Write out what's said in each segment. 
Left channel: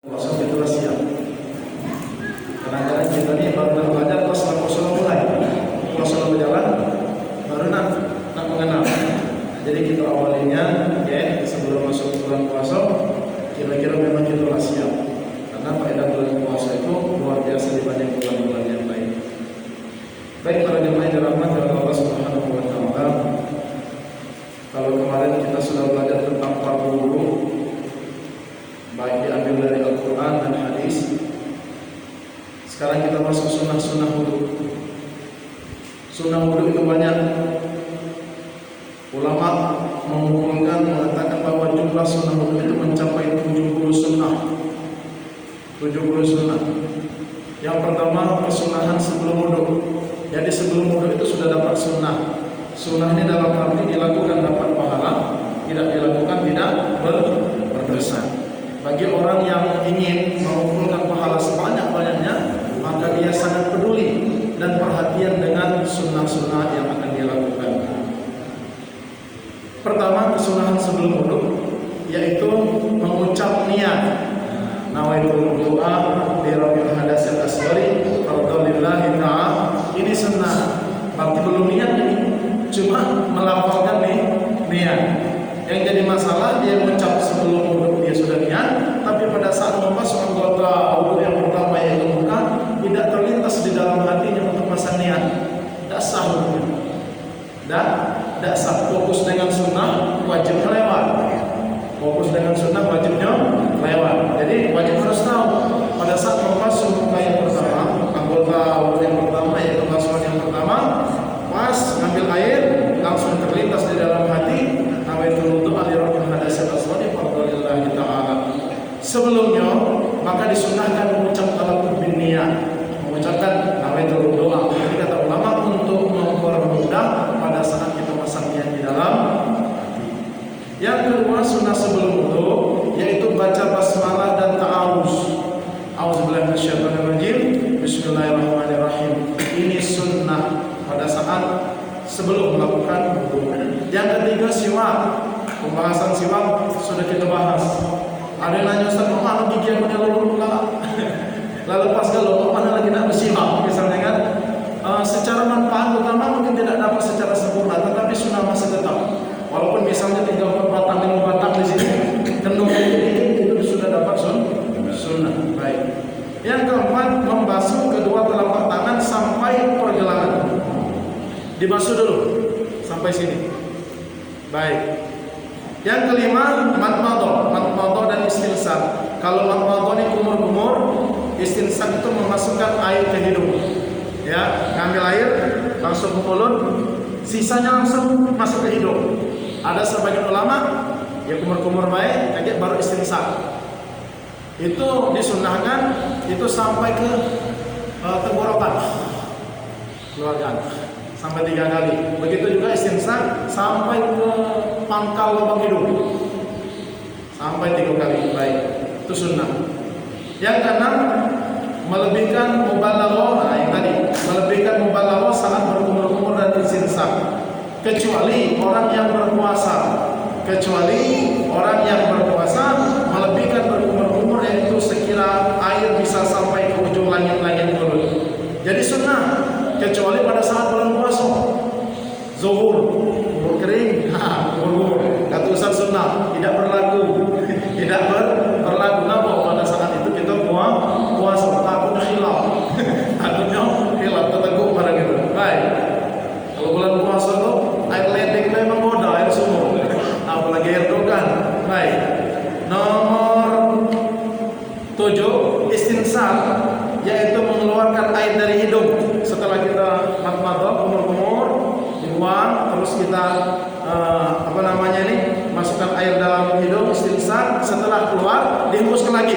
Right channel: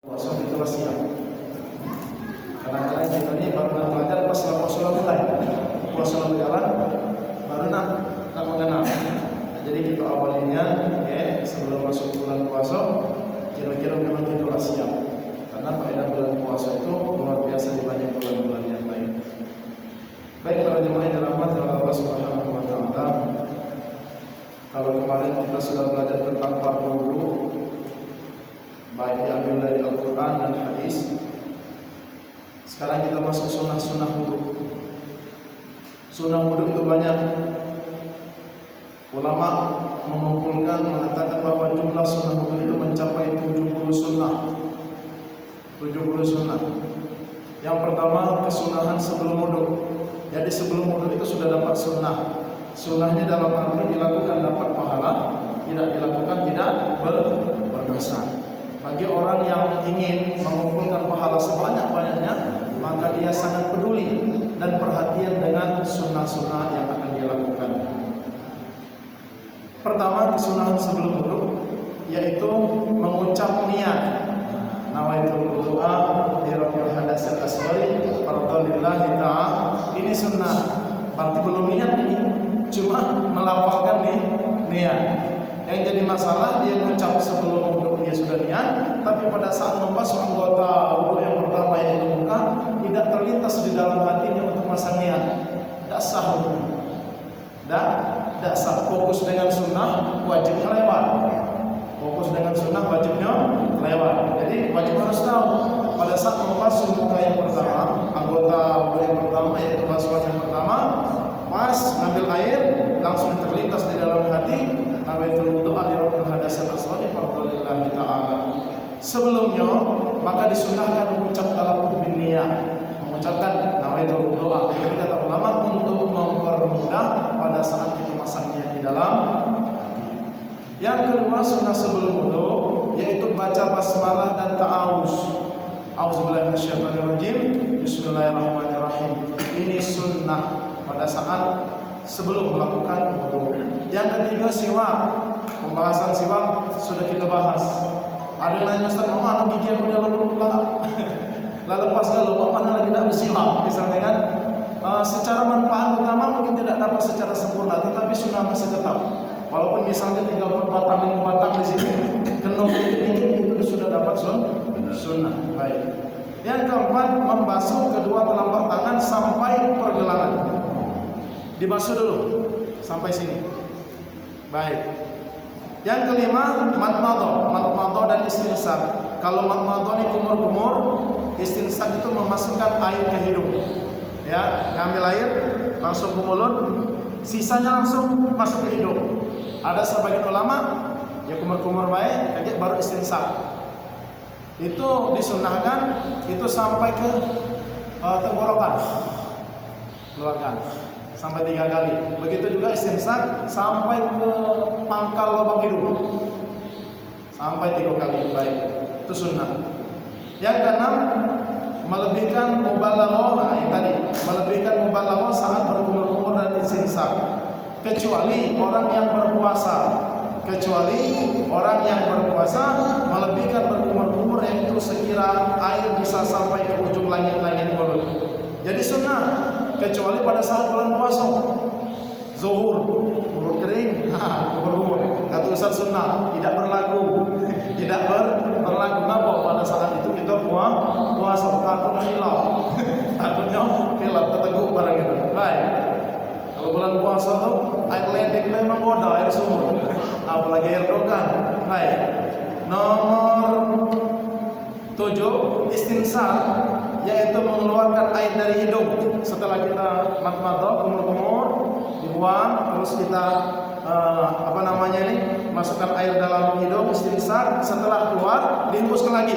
Puasa itulah siap. Kadang-kadang kita nih baru belajar pas puasa mulai, puasa berjalan, baru nak mengenal. Jadi kita awalnya, ya, sebelum masuk bulan puasa, kira-kira memang itulah siap. Karena faedah bulan puasa itu luar biasa dibanding bulan-bulan yang lain. Baik para jemaah yang dirahmati oleh Allah Subhanahu wa Ta'ala. Kalau kemarin kita sudah belajar tentang fardu wudu, baik diambil dari Al-Quran dan hadis. Sekarang kita masuk sunnah-sunnah wudu. Sunnah wudu itu banyak. Ulama mengumpulkan mengatakan bahwa jumlah sunnah wudu itu mencapai 70 sunnah. 70 sunnah. Yang pertama kesunahan sebelum wudu. Jadi sebelum wudu itu sudah dapat sunnah. Sunnah ini dalam arti dilakukan dapat pahala, tidak dilakukan tidak berdosa. Bagi orang yang ingin mengumpulkan pahala sebanyak-banyaknya, maka dia sangat peduli dan perhatian dengan sunnah-sunnah yang akan dia lakukan. Pertama, kesunahan sebelum wudu, yaitu mengucap niat. Nawaitul wudu'a li rabbil hadatsil asghari fardhan lillahi ta'ala. Ini sunnah. Berarti belum niat ini, cuma melafalkan niat. Yang jadi masalah dia mengucap sebelum wudu dia sudah niat, tapi pada saat membasuh anggota wudu yang pertama yaitu muka, tidak terlintas di dalam hatinya untuk masang niat. Tidak sah wudunya. Tidak sah. Fokus dengan sunnah wajib lewat. Fokus dengan sunnah wajibnya lewat. Jadi wajib harus tahu pada saat membasuh muka yang pertama, anggota wudu yang pertama yaitu basuhan yang pertama, pas ngambil air langsung terlintas di dalam hati. Sebelumnya maka disunahkan mengucap talaqul bin niyah, mengucapkan nawaitul wudu'a. Jadi kata ulama untuk mempermudah pada saat kita masang niat di dalam hati. Yang kedua sunnah sebelum wudu yaitu baca basmalah dan ta'awuz. A'udzubillahi minasyaitonirrajim. Bismillahirrahmanirrahim. Ini sunnah pada saat sebelum melakukan wudu. Yang ketiga siwak. Pembahasan siwak sudah kita bahas. Ada yang nanya, Ustaz, mana gigi aku dia lalu lalu pas kalau mana lagi nak bersiwak misalnya kan, secara manfaat utama mungkin tidak dapat secara sempurna, tetapi sunnah masih tetap. Walaupun misalnya 3-4 batang 5 batang di sini, kendung itu sudah dapat sunnah. Baik. Yang keempat, membasuh kedua telapak tangan sampai pergelangan. Dibasuh dulu sampai sini. Baik. Yang kelima, matmadah dan istinsaq. Kalau matmadah ini kumur-kumur, istinsaq itu memasukkan air ke hidung. Ya, ngambil air masuk ke mulut, sisanya langsung masuk ke hidung. Ada sebagian ulama yang kumur-kumur baik, kayak baru istinsaq. Itu disunnahkan itu sampai ke tenggorokan. Keluarkan. Sampai 3 kali. Begitu juga istinsaq sampai ke pangkal lubang hidung. Sampai 3 kali. Baik. Itu sunnah. Yang keenam, melebihkan mubalaghah. Yang tadi, melebihkan mubalaghah saat berkumur-kumur dan istinsaq. Kecuali orang yang berpuasa. Melebihkan berkumur-kumur yaitu sekira air bisa sampai ke ujung langit-langit mulut. Jadi sunnah. Kecuali pada saat bulan puasa, zuhur, mulut kering, mulut. Kata Ustaz sunnah, tidak berlaku, Kenapa? Pada saat itu kita puasa, takutnya hilaf, terteguk barang itu. Baik. Kalau bulan puasa tuh air ledeng memang goda, air sumur, apalagi air dogan. Baik. Nomor 7, istinsaq, yaitu mengeluarkan air dari hidung. Setelah kita matmadah, kumur-kumur, dibuang, terus kita masukkan air dalam hidung, istinsaq. Setelah keluar, dihembuskan lagi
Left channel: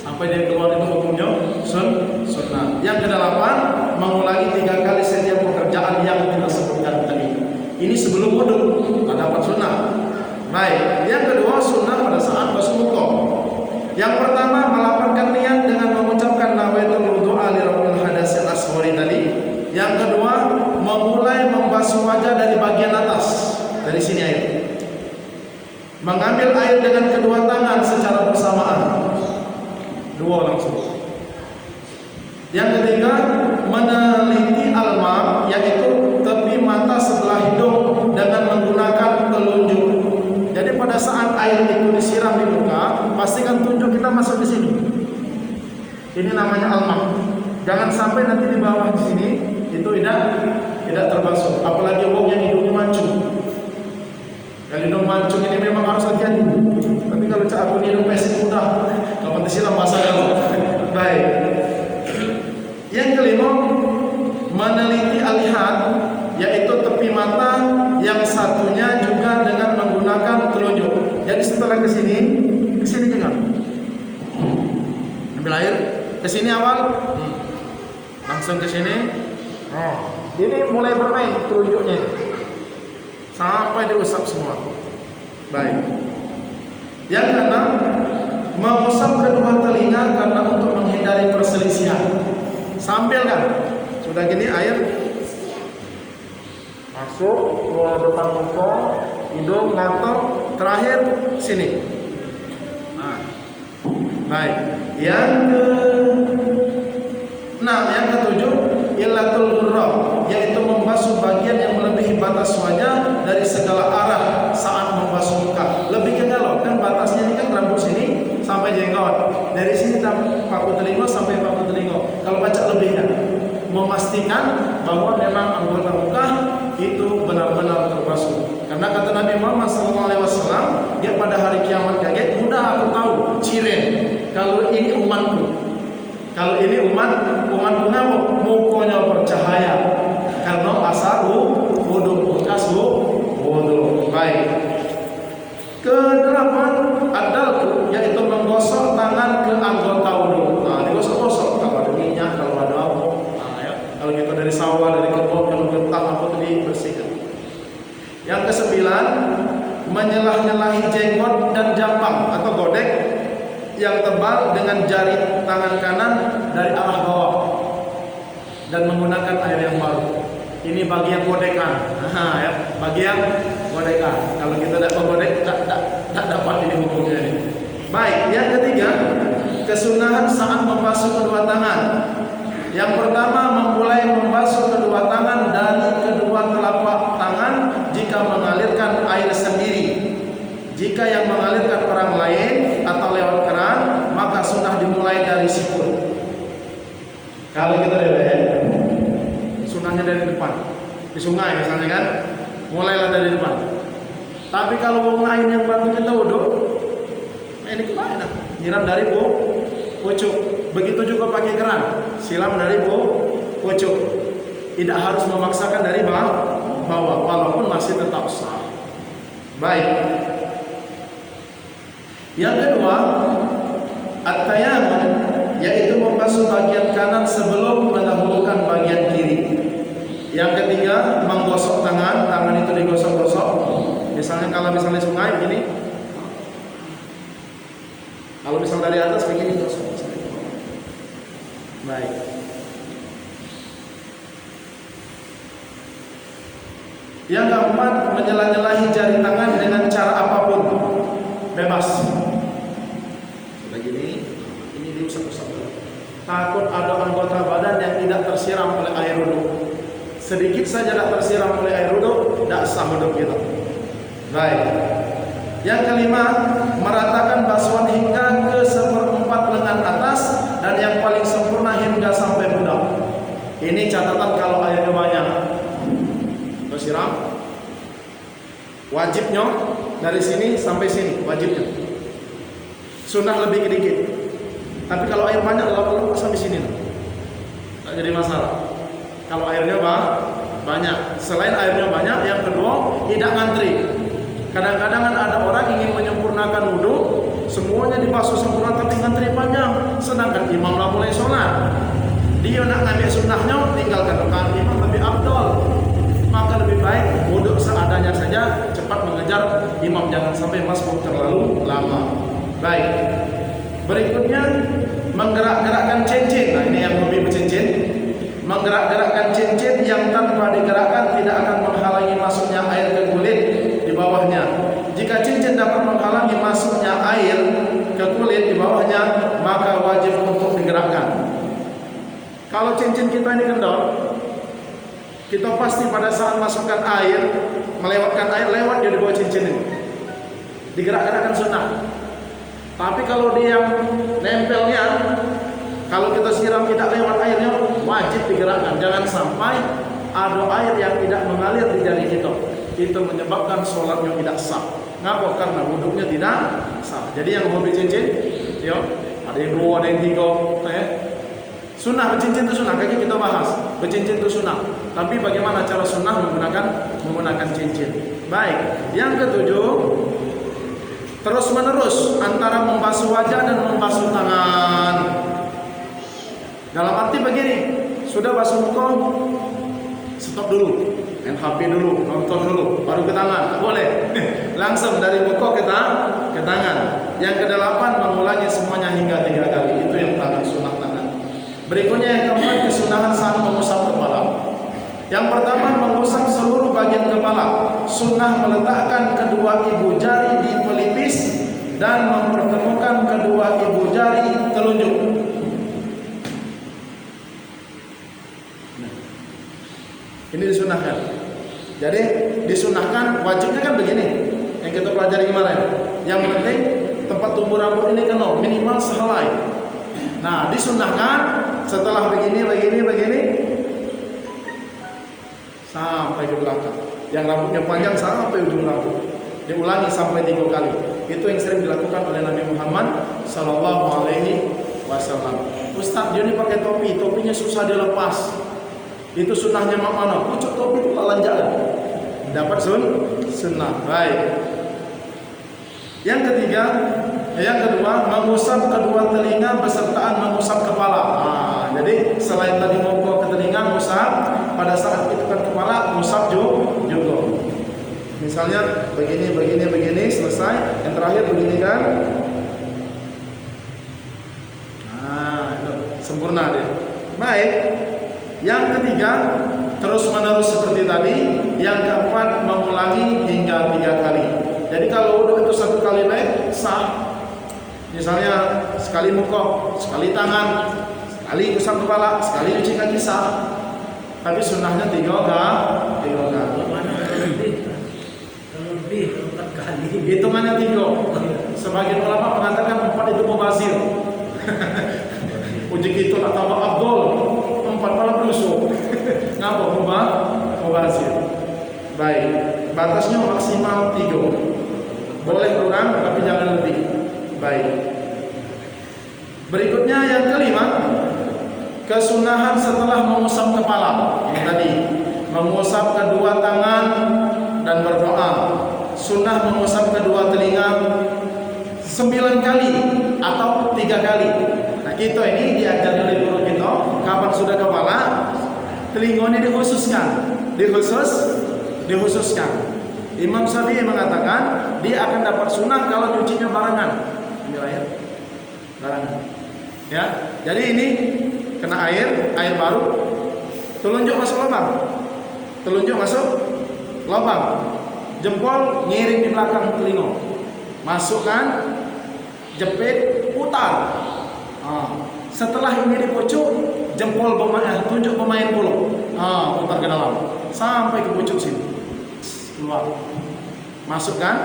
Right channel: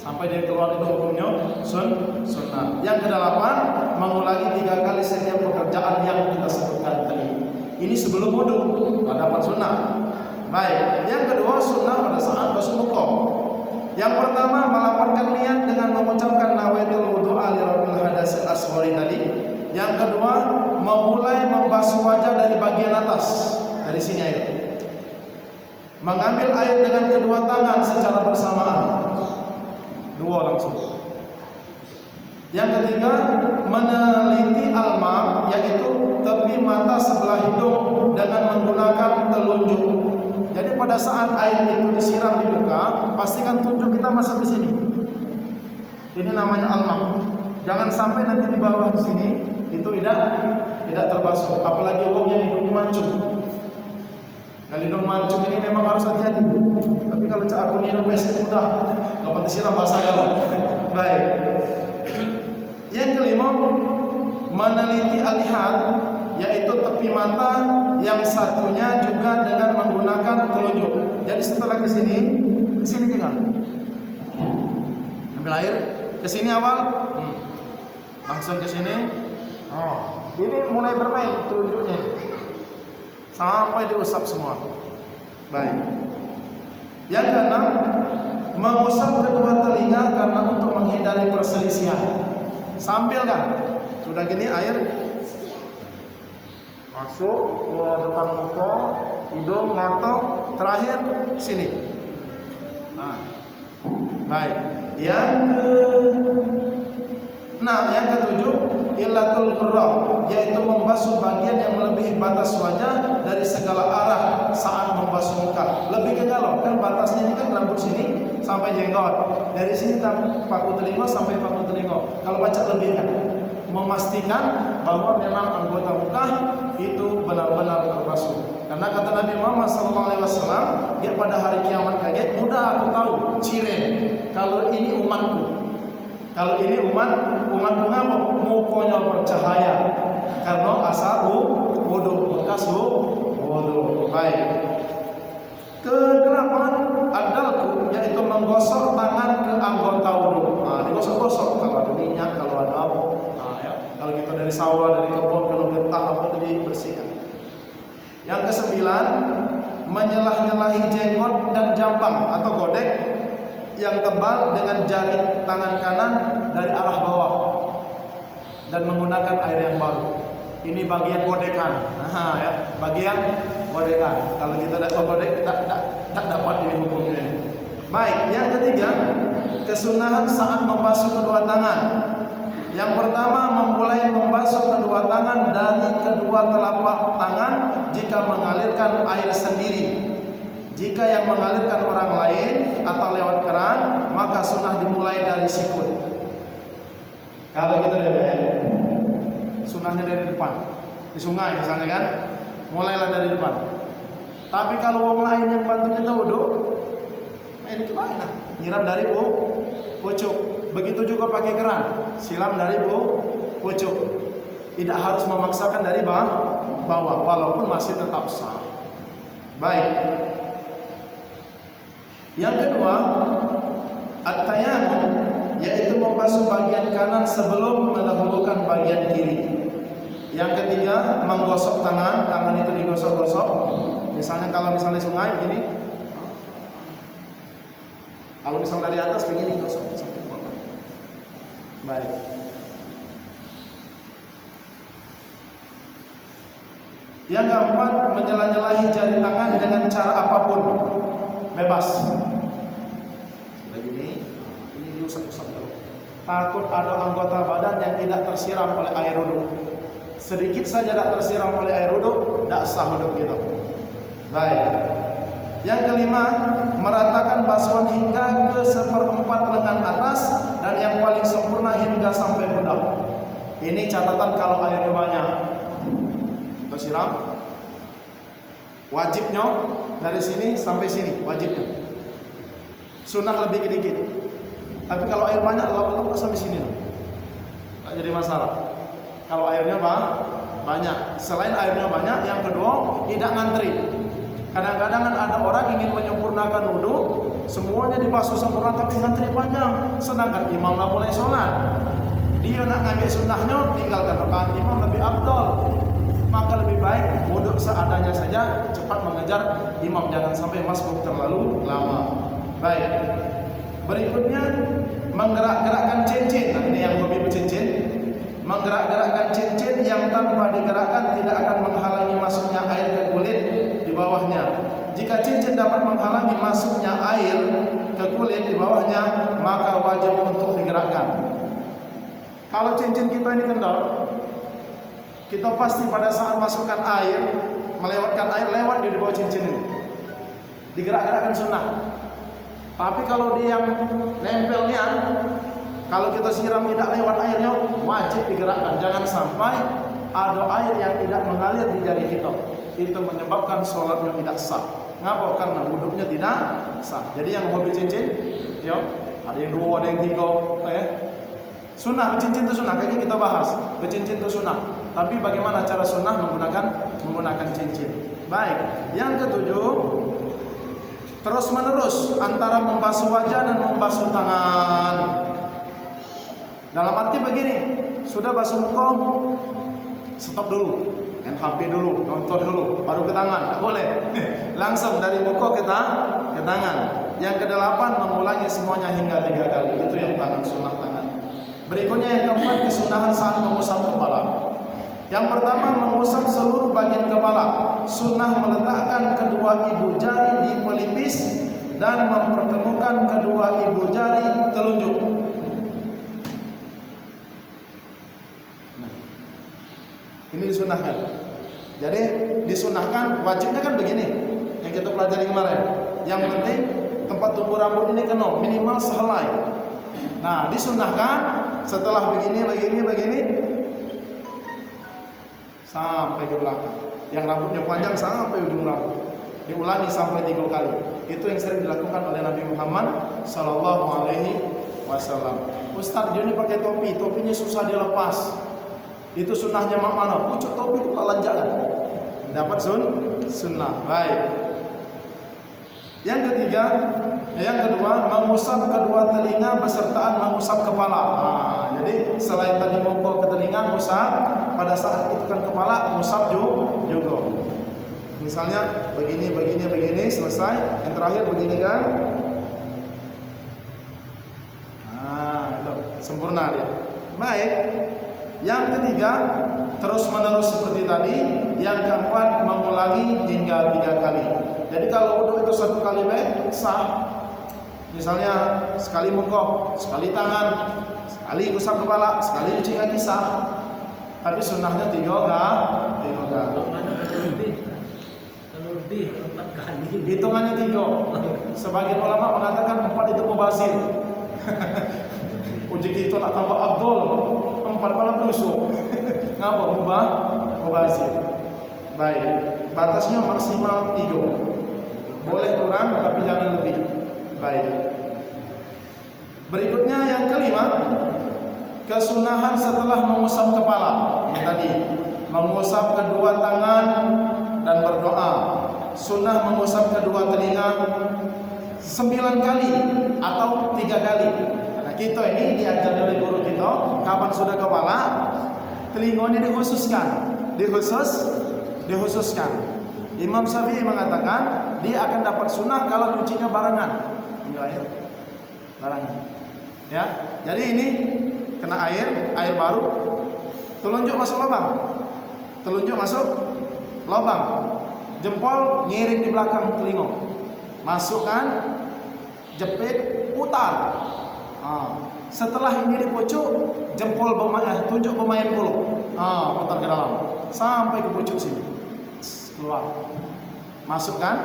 sampai dia keluar. Itu hukumnya sunnah. Yang kedelapan, mengulangi 3 kali setiap pekerjaan yang kita sebutkan tadi. Ini sebelum wudu, dapat sunnah. Baik. Yang kedua, sunnah pada saat basuh muka. Yang pertama, melapangkan niat dengan mengucapkan nawaitul wudu'a li rabbil hadatsil asghari tadi. Yang kedua, memulai membasuh wajah dari bagian atas, dari sini air. Mengambil air dengan kedua tangan secara bersamaan. langsung. Yang ketiga, meneliti alma, yaitu tepi mata sebelah hidung dengan menggunakan telunjuk. Jadi pada saat air itu disiram di muka, pastikan tunjuk kita masuk di sini. Ini namanya alma. Jangan sampai nanti di bawah di sini itu tidak terbasuh. Apalagi wong yang hidungnya mancung. Yang hidung mancung ini memang harus hati-hati. Tapi kalau aku hidung pesek mudah, kapan disiram basah kalau. Baik. Yang kelima, meneliti alihat, yaitu tepi mata yang satunya juga dengan menggunakan telunjuk. Jadi setelah ke sini jangan. Ambil air, ke sini awal, langsung ke sini. Ini mulai bermain telunjuknya sampai diusap semua. Baik. Yang keenam, mengusap kedua telinga karena untuk menghindari perselisihan. Sambil kan, sudah gini air masuk ke depan muka, hidung, mata, terakhir sini. Baik. Yang ketujuh, ilatul murrah, yaitu membasuh bagian yang melebihi batas wajah dari segala arah saat membasuh muka. Lebih ke kalau kan batasnya ini kan rambut sini sampai jenggot. Dari sini paku telinga sampai paku telinga. Kalau baca lebih kan, memastikan bahwa memang anggota muka itu benar-benar terbasuh. Karena kata Nabi Muhammad SAW, dia pada hari kiamat kaget, mudah aku tahu ciren kalau ini umatku. Kalau ini umatku ngapa? Mukanya bercahaya karena asar wudu, bekas wudu. Baik. Kedelapan, adalku, yaitu menggosok tangan ke anggota wudu. Digosok-gosok kalau ada minyak, kalau ada apa. Ya. Kalau kita dari sawah, dari kebun, kalau gentang apa itu dibersihkan. Yang kesembilan, menyelah-nyelahi jenggot dan jambang atau godek yang tebal dengan jari tangan kanan dari arah bawah dan menggunakan air yang baru. Ini bagian godekan. Ya, bagian godekan. Kalau kita tidak menggodek, tak dapat ini hukumnya ini. Baik, yang ketiga, kesunahan saat membasuh kedua tangan. Yang pertama, memulai membasuh kedua tangan dari kedua telapak tangan jika mengalirkan air sendiri. Jika yang mengalirkan orang lain atau lewat keran, maka sunnah dimulai dari sikut. Kalau kita lihat, sunnahnya dari depan. Di sungai misalnya kan, mulailah dari depan. Tapi kalau orang lain yang bantu kita wudhu, ini kemana? Nyiram dari pucuk. Begitu juga pakai keran, silam dari pucuk. Tidak harus memaksakan dari bawah, walaupun masih tetap sah. Baik. Yang kedua, at-tayammum, yaitu membasuh bagian kanan sebelum mendahulukan bagian kiri. Yang ketiga, menggosok tangan itu digosok-gosok. Misalnya kalau misalnya sungai begini, kalau misalnya dari atas begini digosok. Baik. Yang keempat, menyelah-nyelahi jari tangan dengan cara apapun, bebas. Sudah gini, ini diusap-usap. Takut ada anggota badan yang tidak tersiram oleh air wudhu. Sedikit saja tidak tersiram oleh air wudhu, tidak sah wudhu kita. Baik. Yang kelima, meratakan basuhan hingga ke 1/4 lengan atas dan yang paling sempurna hingga sampai pundak. Ini catatan kalau airnya banyak. Tersiram. Wajibnya dari sini sampai sini, wajibnya. Sunnah lebih sedikit. Tapi kalau air banyak, lama-lama sampai sini, tak jadi masalah. Kalau airnya banyak, selain airnya banyak, yang kedua tidak ngantri. Kadang-kadang ada orang ingin menyempurnakan wudhu, semuanya dibasuh sempurna tapi ngantri panjang. Sedangkan imam lah mulai sholat, dia nak ngambil sunnahnya, tinggalkan rekan imam lebih afdal. Maka lebih baik wudhu seadanya saja, cepat mengejar imam, jangan sampai masbuk terlalu lama. Baik. Berikutnya, menggerak-gerakkan cincin. Nah, ini yang hobi bercincin. Menggerak-gerakkan cincin yang tanpa digerakkan tidak akan menghalangi masuknya air ke kulit di bawahnya. Jika cincin dapat menghalangi masuknya air ke kulit di bawahnya, maka wajib untuk digerakkan. Kalau cincin kita ini kendor, kita pasti pada saat masukkan air, melewatkan air, lewat dia di bawah cincin ini. Digerak-gerakkan sunnah. Tapi kalau dia yang nempelnya, kalau kita siram tidak lewat airnya, wajib digerakkan. Jangan sampai ada air yang tidak mengalir di jari kita. Itu menyebabkan sholatnya tidak sah. Ngapa? Karena wudhunya tidak sah. Jadi yang hobi cincin, ya, ada yang 2, ada yang 3, sunnah bercincin itu sunnah. Kayaknya kita bahas bercincin itu sunnah. Tapi bagaimana cara sunnah menggunakan cincin? Baik. Yang ketujuh, terus menerus antara membasuh wajah dan membasuh tangan. Dalam arti begini, sudah basuh muka, stop dulu, main HP dulu, nonton dulu, baru ke tangan. Boleh. Langsung dari muka ke tangan. Yang kedelapan, mengulangi semuanya hingga 3 kali. Itu yang tangan, sunnah tangan. Berikutnya yang keempat, kesunahan saat mengusap kepala. Yang pertama, mengusap seluruh bagian kepala. Sunnah meletakkan kedua ibu jari di pelipis dan mempertemukan kedua ibu jari telunjuk. Ini disunahkan. Jadi disunahkan, wajibnya kan begini yang kita pelajari kemarin. Yang penting tempat tumbuh rambut ini kena minimal sehelai. Nah, disunahkan setelah begini sampai ke belakang. Yang rambutnya panjang sampai ujung rambut. Diulangi sampai 3 kali. Itu yang sering dilakukan oleh Nabi Muhammad sallallahu alaihi wasallam. Ustaz, dia ini pakai topi, topinya susah dilepas. Itu sunnahnya mana? Pucuk topi itu lanjakan. Dapat sunnah. Baik. Yang kedua, mengusap kedua telinga besertaan mengusap kepala. Jadi selain tadi muka ke telinga, ngusap, pada saat itu kan kepala, ngusap juga. Misalnya begini, selesai. Yang terakhir begini kan. Itu sempurna dia. Baik. Yang ketiga, terus menerus seperti tadi. Yang keempat, mengulangi hingga 3 kali. Jadi kalau wudhu itu 1 kali baik, sah. Misalnya sekali muka, sekali tangan, sekali usap kepala, sekali cuci kaki, sah. Tapi sunnahnya 3 kali. Hitungannya 3. Sebagian ulama mengatakan 4 itu mubazir. Uji itu nak tambah Abdul, 4 malah berusuk. Ngapa mubazir? Baik, batasnya maksimal 3. Boleh kurang tapi jangan lebih. Baik. Berikutnya yang kelima, kesunahan setelah mengusap kepala. Yang tadi, mengusap kedua tangan dan berdoa. Sunnah mengusap kedua telinga 9 kali atau 3 kali. Nah, kita ini diajari oleh guru kita, kapan sudah kepala, telinga ini dikhususkan. Imam Syafi'i mengatakan dia akan dapat sunnah kalau nyucinya barengan. Ambil air, barengan. Ya, jadi ini kena air baru, telunjuk masuk lubang, jempol ngiring di belakang telinga, masukkan, jepit, putar. Setelah ini dipucuk, jempol tunjuk pemain puluh, putar ke dalam sampai ke pucuk sini. Keluar, masukkan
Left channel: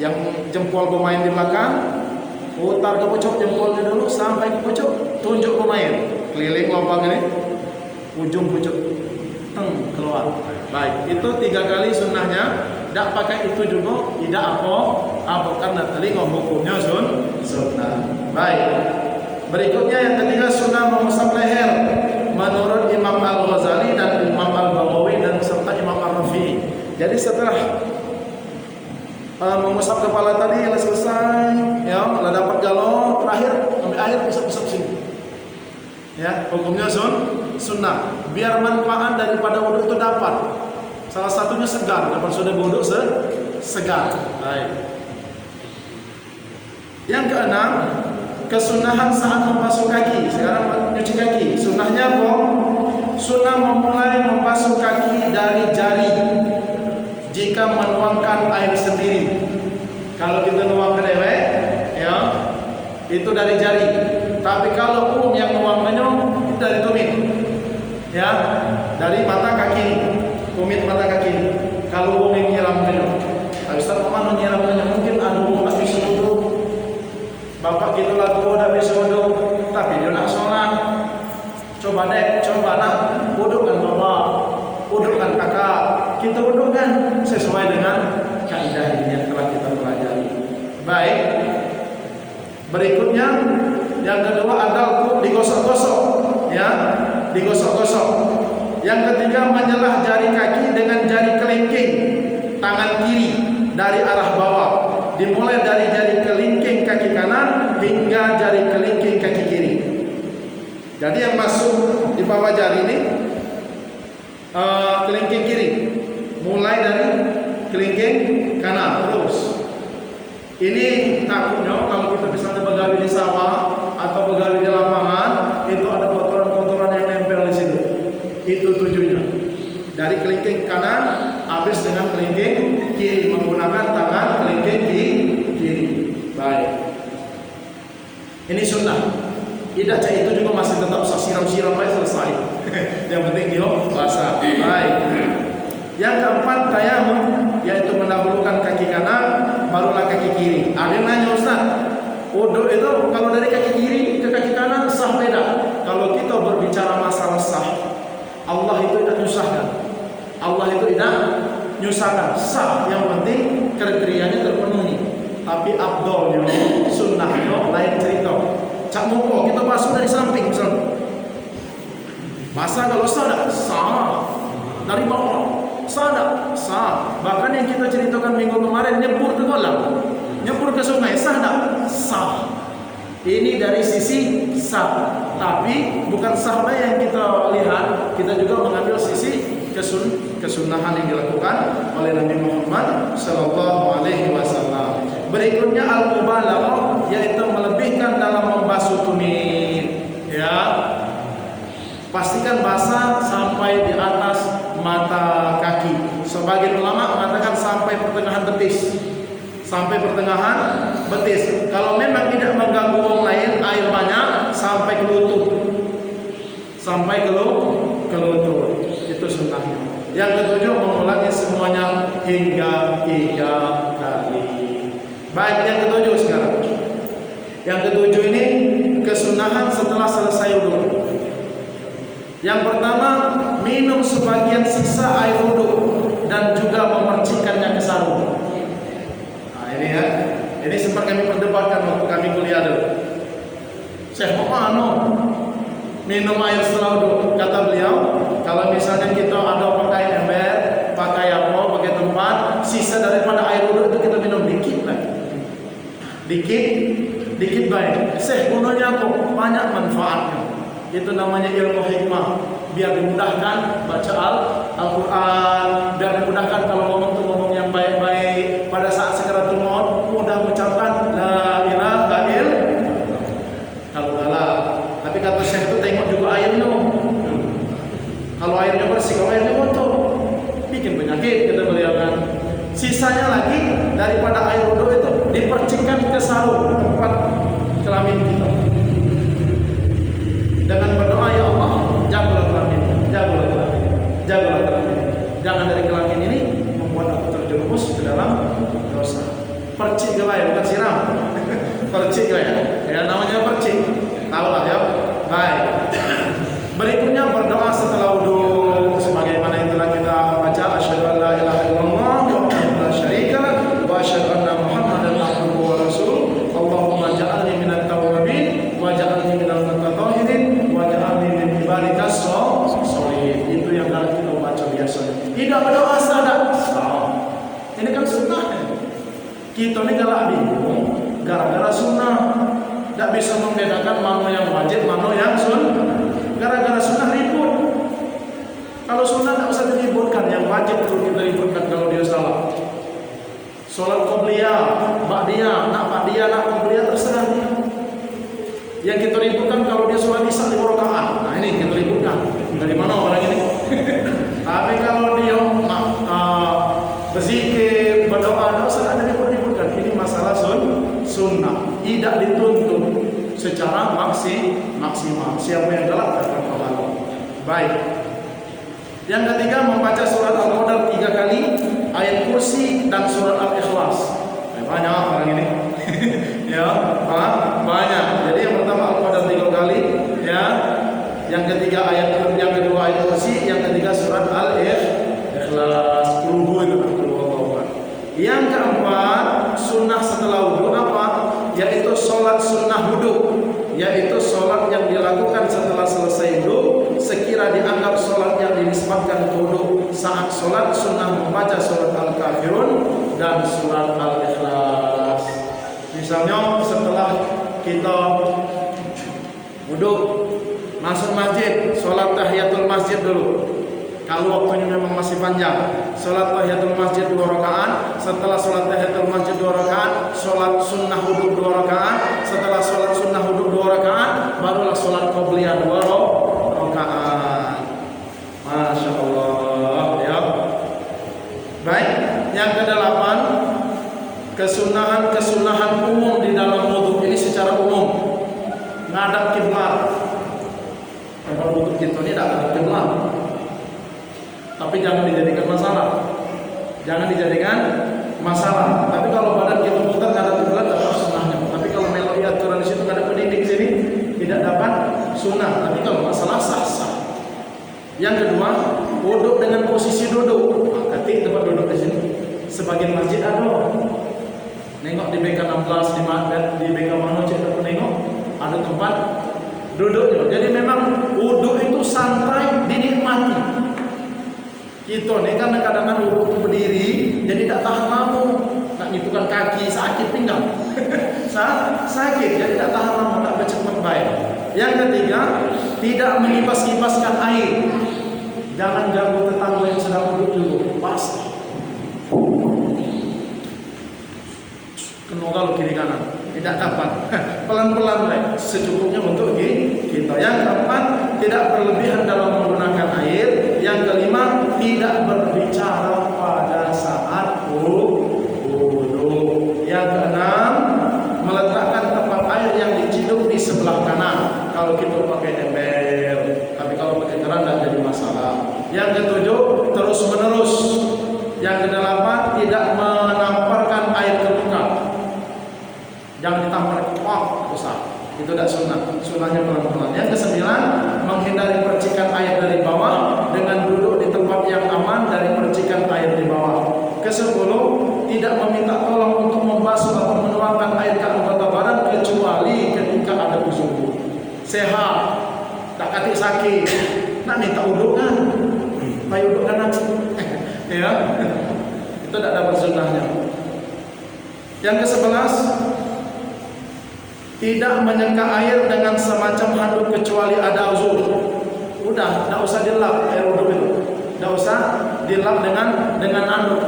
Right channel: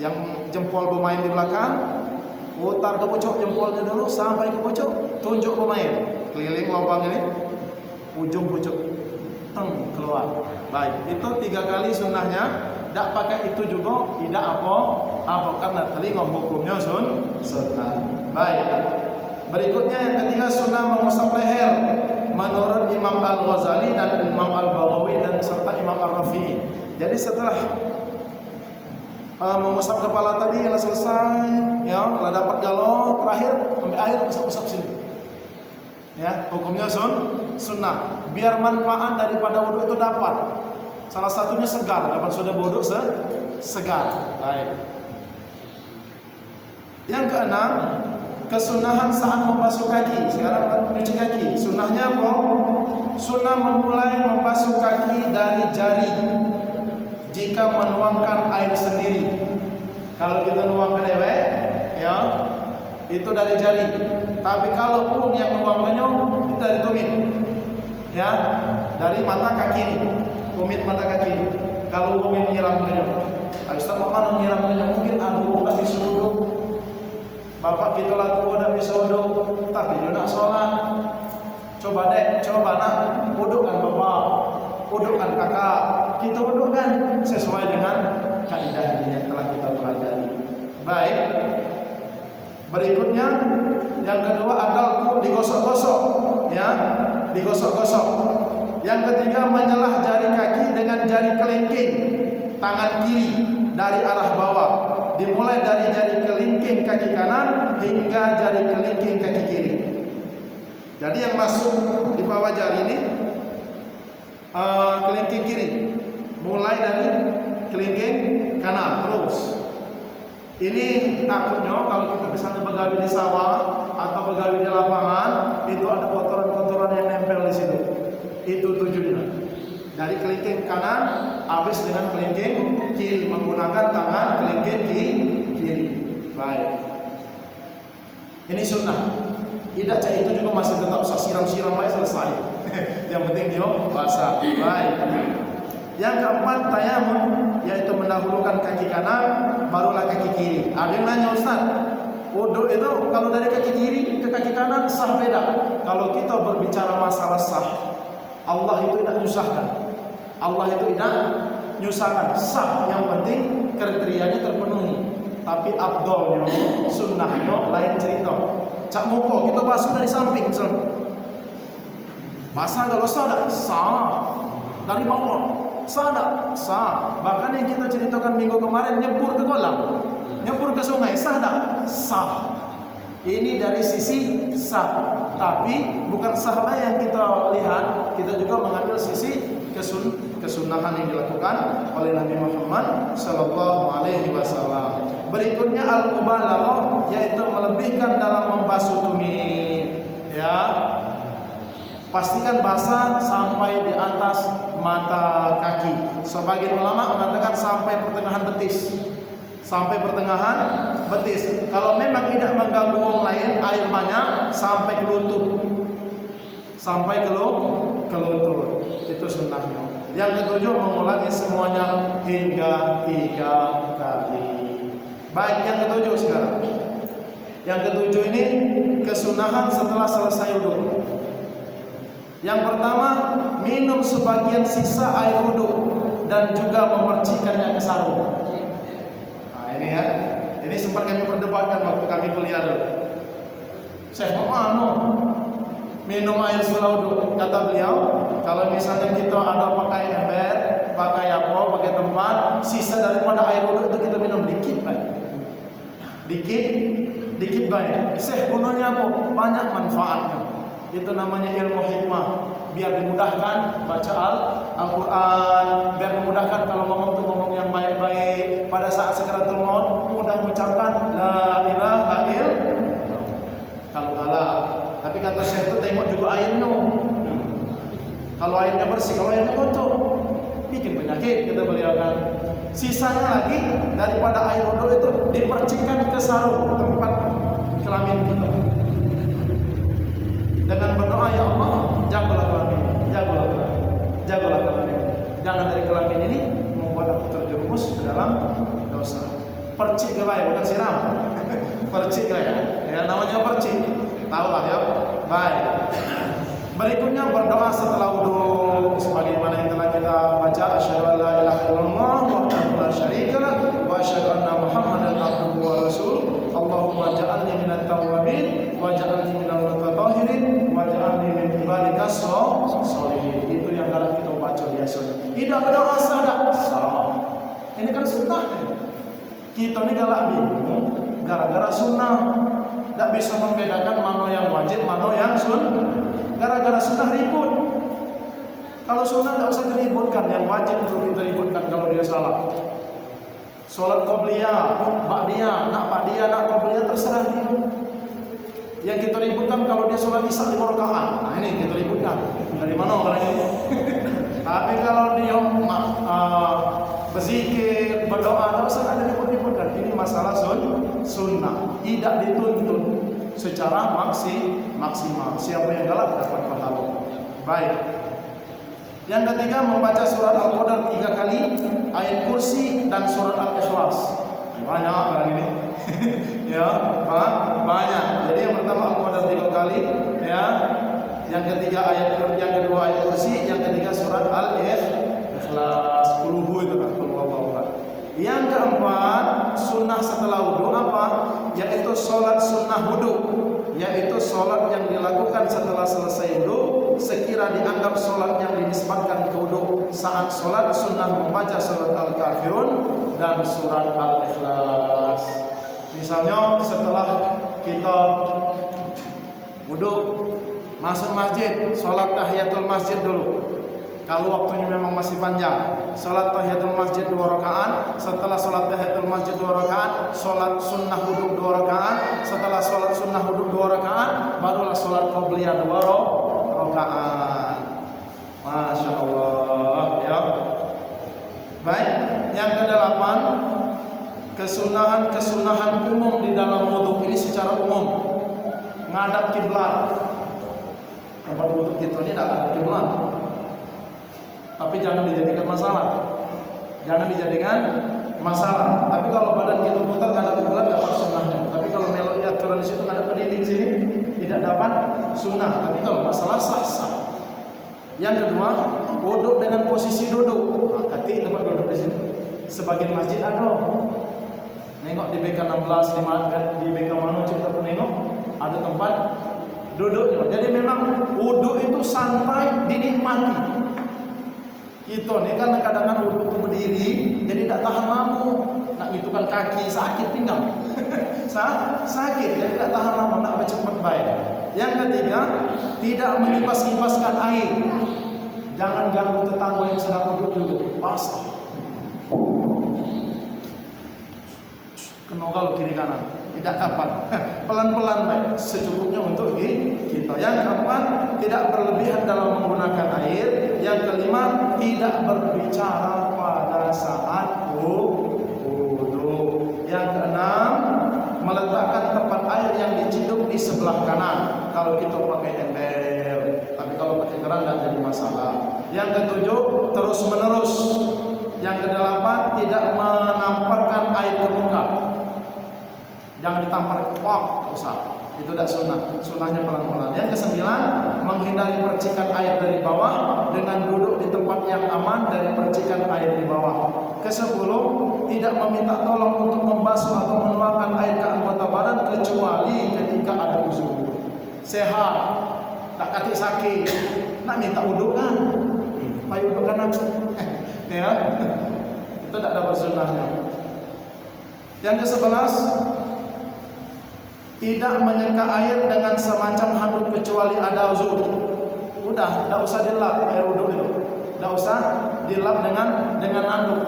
yang jempol pemain di belakang, putar ke pucuk jempolnya dulu sampai ke pucuk, tunjuk pemain, keliling lubang ini, ujung pucuk, keluar. Baik, itu 3 kali sunnahnya. Tidak pakai itu juga tidak apa karena telinga hukumnya sunnah. Baik. Berikutnya yang ketiga, sunnah mengusap leher menurut Imam Al-Ghazali dan Imam Al-Baghawi dan serta Imam Ar-Rafi'i. Jadi setelah mengusap kepala tadi yang selesai, ya, sudah dapat galau, terakhir ambil air usap-usap sini. Ya, hukumnya sunnah. Biar manfaat daripada wudhu itu dapat. Salah satunya segar, dapat sudah wudhu segar. Baik. Yang keenam, kesunahan saat membasuh kaki. Sekarang mencuci kaki. Sunnahnya apa? Sunnah memulai membasuh kaki dari jari jika menuangkan air sendiri. Kalau kita nuangkan ya, itu dari jari. Tapi kalau yang nuangnya itu dari tumit, ya, dari mata kaki, tumit mata kaki. Kalau yang nyiramnya, Ustaz Muhammad nyiramnya mungkin aduh nggak bisa wudhu. Bapak kita lah tuh udah bisa wudhu, tapi dia nak sholat. Coba deh, coba nak wudhukan bapak, wudhukan kakak. Kita wudhukan sesuai dengan kaidah yang telah kita pelajari. Baik. Berikutnya yang kedua adalah digosok-gosok, ya, digosok-gosok. Yang ketiga menyelah jari kaki dengan jari kelingking tangan kiri dari arah bawah, dimulai dari jari kelingking kaki kanan hingga jari kelingking kaki kiri. Jadi yang masuk di bawah jari ini kelingking kiri, mulai dari kelingking kanan terus. Ini takutnya kalau kita misalnya begawi di sawah atau begawi di lapangan, itu ada kotoran-kotoran yang nempel di situ. Itu tujuannya. Dari kelingking kanan habis dengan kelingking kiri menggunakan tangan kelingking kiri. Baik. Ini sunnah. Tidak cah itu juga masih tetap siram-siram baik selesai. Yang penting dia basah. Baik. Yang keempat tayamum, yaitu mendahulukan kaki kanan barulah kaki kiri. Ada yang nanya, Ustaz, wudu itu kalau dari kaki kiri ke kaki kanan sah beda? Kalau kita berbicara masalah sah, Allah itu tidak nyusahkan. Allah itu tidak nyusahkan. Sah, yang penting kriterianya terpenuhi. Tapi abdolnya, sunnahnya lain cerita. Cak muko kita basuh dari samping misalnya. Masa kalau sah, sah dari bawah. Sah tak? Sah. Bahkan yang kita ceritakan minggu kemarin nyebur ke kolam, nyebur ke sungai, sah tak? Sah. Ini dari sisi sah. Tapi bukan sah yang kita lihat, kita juga mengambil sisi kesunahan yang dilakukan oleh Nabi Muhammad Sallallahu Alaihi Wasallam. Berikutnya al-mubalaghah, yaitu melebihkan dalam membasuh tumit. Ya, pastikan basah sampai di atas mata kaki. Sebagian ulama mengatakan sampai pertengahan betis. Sampai pertengahan betis. Kalau memang tidak mengganggu orang lain, air banyak sampai ke lutut. Sampai ke lutut. Itu sunnahnya. Yang ketujuh mengulangi semuanya hingga 3 kali. Baik, yang ketujuh sekarang. Yang ketujuh ini kesunahan setelah selesai wudu. Yang pertama, minum sebagian sisa air wudhu dan juga memercikkannya ke sarung. Nah ini ya, ini sempat kami perdebatkan waktu kami kuliah dulu. Syekh mau minum air setelah wudhu. Kata beliau, kalau misalnya kita ada pakai ember, pakai apa, pakai tempat, sisa daripada air wudhu itu kita minum dikit baik. Dikit baik. Syekh gunanya apa? Banyak manfaatnya. Itu namanya ilmu hikmah. Biar dimudahkan baca Al-Quran, biar dimudahkan kalau ngomong tuh ngomong yang baik-baik. Pada saat sekaratul maut mudah mengucapkan la ilaha illallah. Kalau tapi kata Syekh itu tengok juga airnya. Kalau airnya bersih, kalau airnya kotor, bikin penyakit kita beliau kan. Sisanya lagi daripada air wudhu itu dipercikkan ke sarung tempat kelamin kita. Dengan berdoa, ya Allah, jagalah kelamin, jagalah kelamin, jagalah kelamin. Jangan dari kelamin ini membuat aku terjerumus ke dalam dosa. Percik gaya, bukan siram. Percik gaya, ya namanya percik. Tahu lah ya. Baik. Berikutnya berdoa setelah wudhu, sebagaimana yang telah kita baca. Asyhadu an la ilaha illallah wahdahu la syarika lah, wa asyhadu anna Muhammadan abduhu wa rasuluh. Allahumma ja'alni minat tawwabin wa ja'alni minal mutatahhirin wa ja'alni min ibadikas sholihin. Itu yang dalam kita baca biasanya. Tidak berdoa salah. Ini kan sunnah. Kita ini galak bingung gara-gara sunnah. Tidak bisa membedakan mana yang wajib, mana yang sunnah. Gara-gara sunnah ribut. Kalau sunnah tidak usah diributkan, yang wajib perlu kita ributkan kalau dia salah. Sholat qobliyah, ba'diyah, nak ba'diyah, nak qobliyah terserah dia. Yang kita ributkan kalau dia sholat isya 5 rakaat. Nah ini kita ributkan. Dari mana orang ini? Tapi kalau dia berzikir, berdoa, tidak usah ada ribut-ributkan. Ini masalah sunnah. Tidak dituntut. secara maksimal. Siapa yang galak dapat pahala. Baik. Yang ketiga, membaca surat Al-Qadar 3 kali, ayat kursi dan surat Al-Ikhlas. Banyak orang ini. Ya, banyak. Jadi yang pertama Al-Qadar 3 kali, ya. Yang ketiga yang kedua ayat kursi, yang ketiga surat Al-Ikhlas. Qul itu kan Allah. Yang keempat, sunnah setelah wudu apa? Yaitu sholat sunnah wudu, yaitu sholat yang dilakukan setelah selesai wudu, sekira dianggap sholat yang dinisbatkan ke wudu. Saat sholat sunnah membaca surat Al-Kafirun dan surat Al-Ikhlas. Misalnya setelah kita wudu, masuk masjid, sholat tahiyatul masjid dulu. Kalau waktunya memang masih panjang, sholat tahiyatul masjid 2 rakaat. Setelah sholat tahiyatul masjid 2 rakaat, sholat sunnah wudu 2 rakaat. Setelah sholat sunnah wudu 2 rakaat, barulah sholat qabliyah 2 rakaat. Masya Allah, ya. Baik, yang ke-8, kesunahan umum di dalam wudu. Ini secara umum, ngadap kiblat. Tempat wudu kita ini tidak ngadap kiblat. Tapi jangan dijadikan masalah. Tapi kalau badan kita putar nggak ada kiblat, dapat sunnahnya. Tapi kalau melodi aturan di situ nggak ada pendidik sini, tidak dapat sunnah. Tapi kalau masalah sah. Yang kedua, wudhu dengan posisi duduk. Nah, ketik tempat duduk di sini. Sebagian masjid ada. Nengok di BK 16 di BK mana cek nengok ada tempat duduk. Jadi memang wudhu itu santai, dinikmati. Kita ni kan kadang-kadang wudhu itu berdiri, jadi tidak tahan lama. Nak nyipukan kaki, sakit pinggang. Sakit, jadi tidak tahan lama, nak bercepat baik. Yang ketiga, tidak mengipas-kipaskan air. Jangan ganggu tetangga yang sedang duduk dulu. Pasti. Kenogal kiri kanan. Tidak dapat. Pelan-pelan baik. Secukupnya untuk kita. Yang keempat, tidak berlebihan dalam menggunakan air. Yang kelima, tidak berbicara pada saat wudu. Yang keenam, meletakkan tempat air yang diciduk di sebelah kanan. Kalau kita pakai ember, tapi kalau pakai keran tidak jadi masalah. Yang ketujuh, terus menerus. Yang kedelapan, tidak menamparkan air ke muka. Jangan ditampar, wah besar. Itu tidak sunnah. Sunnahnya pelan-pelan. Yang kesembilan, menghindari percikan air dari bawah dengan duduk di tempat yang aman dari percikan air di bawah. Kesepuluh, tidak meminta tolong untuk membasuh atau menuangkan air ke anggota badan kecuali ketika ada uzur. Sehat, tak katik sakit, nak minta uduk kan? Baik uduk kan aku. Ya, itu tidak dapat sunnahnya. Yang ke-11, tidak menyeka air dengan semacam handuk kecuali ada uzur. Udah, tidak usah dilap air wudhu itu. Tidak usah dilap dengan handuk.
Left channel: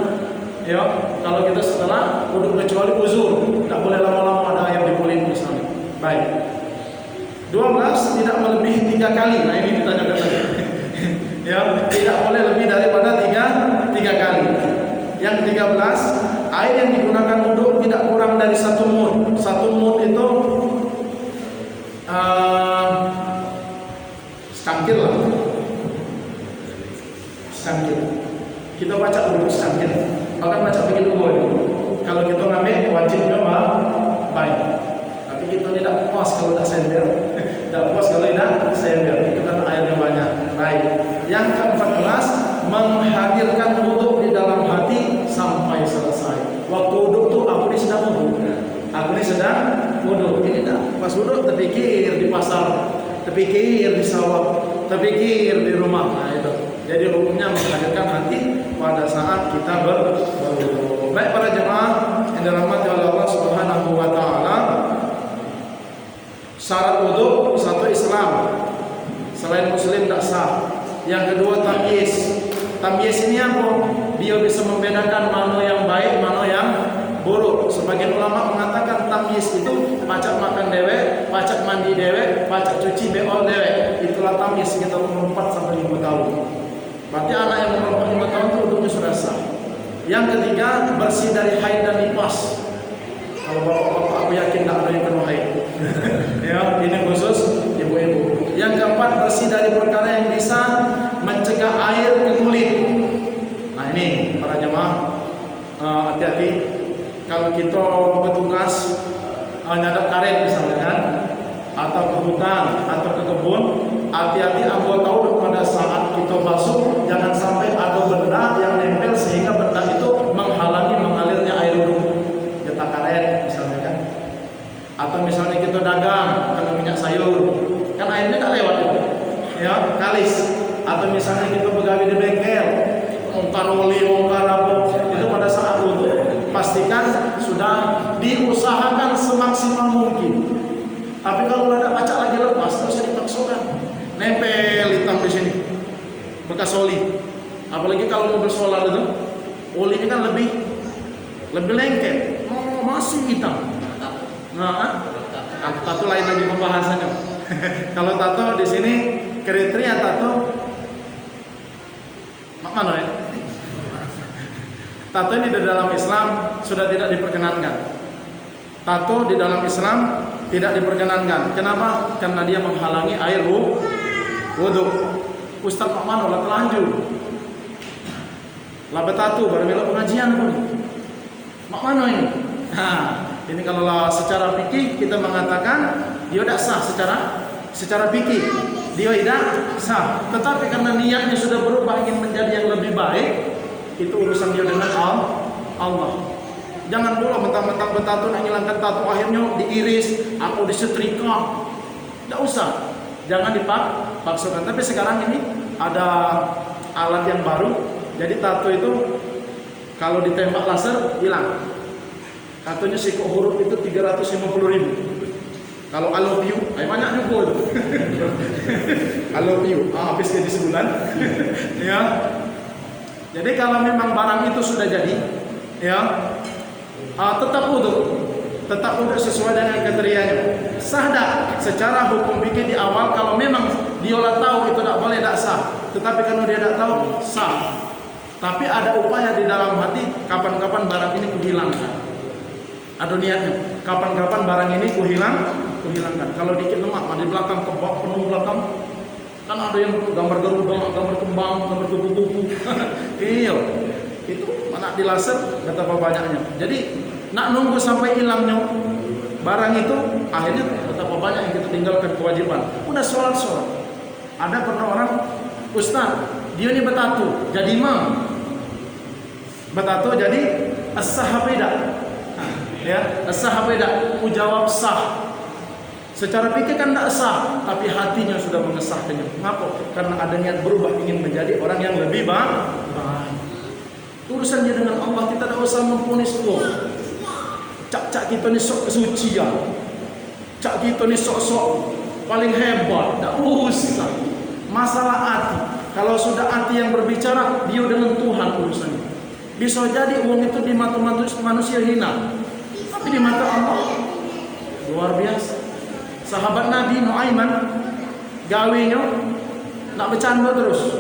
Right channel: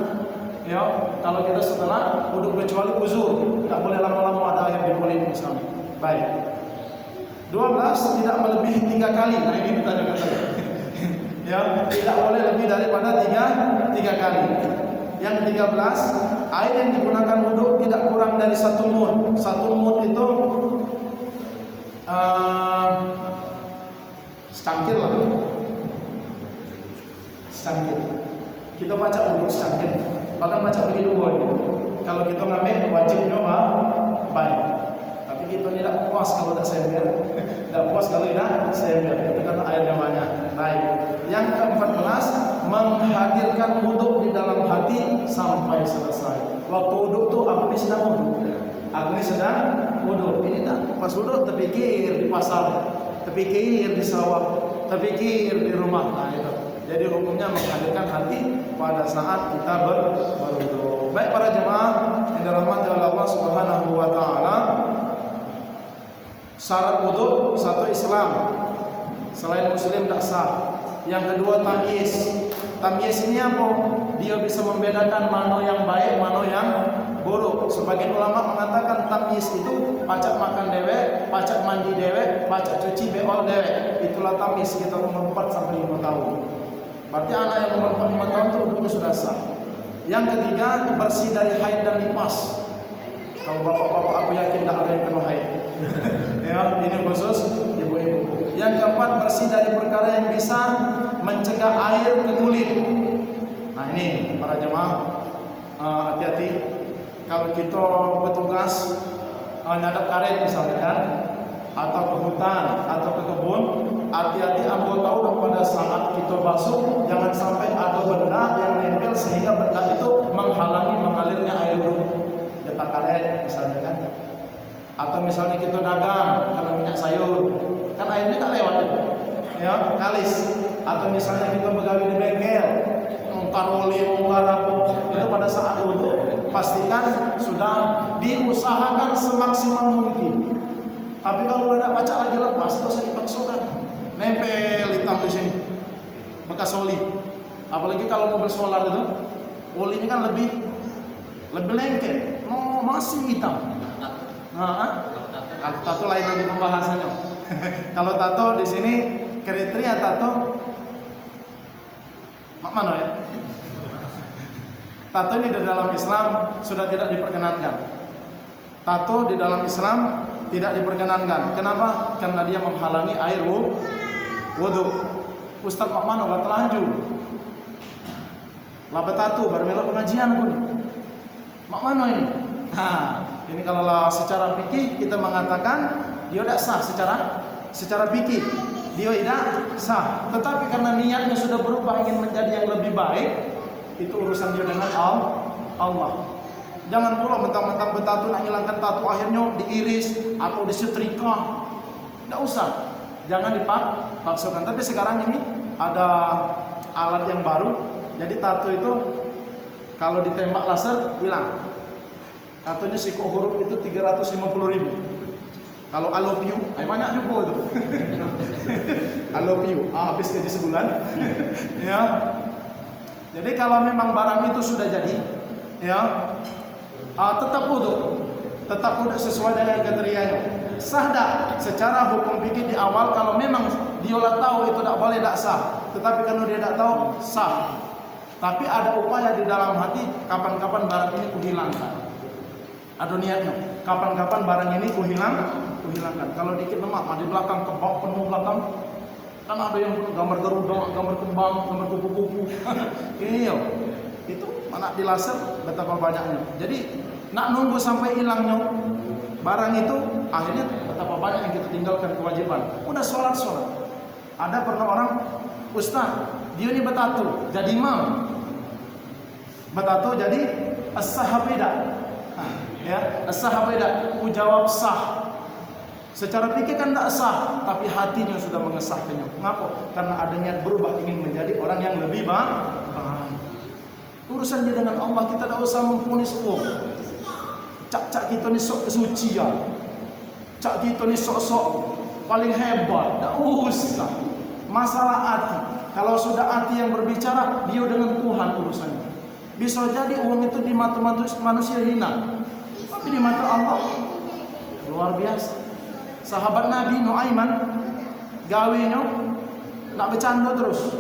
Ya, kalau kita setelah wudhu kecuali uzur, tidak boleh lama-lama ada air di kulit misalnya. Baik. 12, tidak melebihi 3 kali. Nah ini kita jaga saja. Ya, tidak boleh lebih daripada 3 kali. Yang 13, air yang digunakan wudhu tidak kurang dari 1 mud. 1 mud itu secangkir lah. Secangkir. Kita baca dulu secangkir. Bahkan baca begitu boleh. Kalau kita ngambil wajibnya baik. Tapi kita tidak puas kalau tidak sender. Tidak puas kalau tidak sender. Itu kan airnya banyak. Baik. Yang ke-14, menghadirkan wudhu di dalam hati sampai selesai. Waktu wudhu tu aku ni sedang wudhu. Aku ni sedang wudhu. Ini tak pas wudhu terpikir di pasar, terpikir di sawah, terpikir di rumah. Nah itu. Jadi hukumnya menghadirkan hati pada saat kita berwudhu. Baik para jemaah yang dirahmati oleh Allah Subhanahu wa taala. Syarat wudhu satu Islam. Selain muslim tak sah. Yang kedua tamyiz. Tamyiz ini apa? Dia bisa membedakan mana yang baik, mana yang buruk. Sebagian ulama mengatakan tamyiz itu pacak makan dewek, pacak mandi dewek, pacak cuci beol dewek. Itulah tamyiz sekitar umur 4 sampai 5 tahun. Berarti anak yang umur 4 tahun itu wudhunya sudah sah. Yang ketiga, bersih dari haid dan nifas. Kalau bapak-bapak aku yakin tak ada yang kena haid. Ya, ini khusus ibu-ibu. Yang keempat, bersih dari perkara yang bisa mencegah air ke kulit. Nah ini para jemaah, hati-hati kalau kita bertugas nyadap karet misalnya kan, atau ke hutan atau ke kebun, hati-hati ambil tahu pada saat kita basuh jangan sampai ada benda yang nempel sehingga benda itu menghalangi mengalirnya air wudhu. Getah karet misalnya kan, atau misalnya kita dagang kena minyak sayur, kan airnya tak lewat itu, ya kalis. Atau misalnya kita begawi di bengkel, bongkar oli, bongkar apa, itu pada saat wudhu pastikan sudah diusahakan semaksimal mungkin. Tapi kalau ada baca lagi lepas, terus usah dipaksakan. Nempel hitam di sini, bekas oli. Apalagi kalau mobil solar itu, olinya kan lebih lengket. Oh, masih hitam. Nah, tato lain lagi pembahasannya. Kalau tato di sini kriteria tato, mana ya? Tato ini di dalam Islam sudah tidak diperkenankan. Tato di dalam Islam tidak diperkenankan. Kenapa? Karena dia menghalangi air wudhu. Ustaz Pak Mano lah telanjur. Lah bertatu baru mila pengajian pun. Mak Mano ini. Nah, ini kalau secara fikih kita mengatakan dia tidak sah secara fikih. Dia tidak sah. Tetapi karena niatnya sudah berubah ingin menjadi yang lebih baik, itu urusan dia dengan Allah. Jangan pula mentang-mentang bertato nak hilangkan tato akhirnya diiris atau disetrika. Tidak usah. Jangan dipaksakan. Tapi sekarang ini ada alat yang baru. Jadi tato itu kalau ditembak laser hilang. Tatonya siku huruf itu 350.000. Kalau I love you, banyak juga itu. I love you, habis gaji sebulan. Ya. Jadi kalau memang barang itu sudah jadi, ya, tetap wudhu sesuai dengan kriterianya. Sah dak secara hukum fikih di awal kalau memang dia tahu itu tidak boleh, tidak sah. Tetapi kalau dia tidak tahu, sah. Tapi ada upaya di dalam hati, kapan-kapan barang ini kuhilangkan. Ada niatnya, kapan-kapan barang ini kuhilangkan. Kalau dikit lemak, di belakang kebak penuh belakang. Kan ada yang gambar garuda, gambar kembang, gambar kupu-kupu. Iya, itu mana di laser betapa banyaknya. Jadi nak nunggu sampai hilangnya barang itu, akhirnya betapa banyak yang kita tinggalkan kewajiban. Udah sholat. Ada pernah orang, Ustaz, dia ini bertato, jadi imam. Bertato jadi as-sahabida. Ya, as-sahabida. Aku jawab sah. Secara pikir kan tidak sah, tapi hatinya sudah mengesahkannya. Mengapa? Karena ada niat berubah ingin menjadi orang yang lebih baik. Urusannya dengan Allah, kita tidak usah mempunis Allah. Cak kita ni sok kesucian. Cak kita ni sok paling hebat. Tidak usah. Masalah hati. Kalau sudah hati yang berbicara, dia dengan Tuhan urusannya. Bisa jadi uang itu di mata manusia hina, tapi di mata Allah luar biasa. Sahabat Nabi Nuaiman gawinya nak bercanda terus,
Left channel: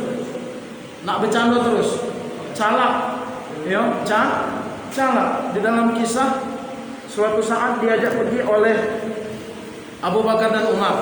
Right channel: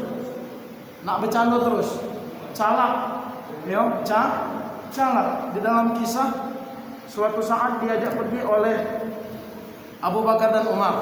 calak, ya, calak. Di dalam kisah suatu saat diajak pergi oleh Abu Bakar dan Umar.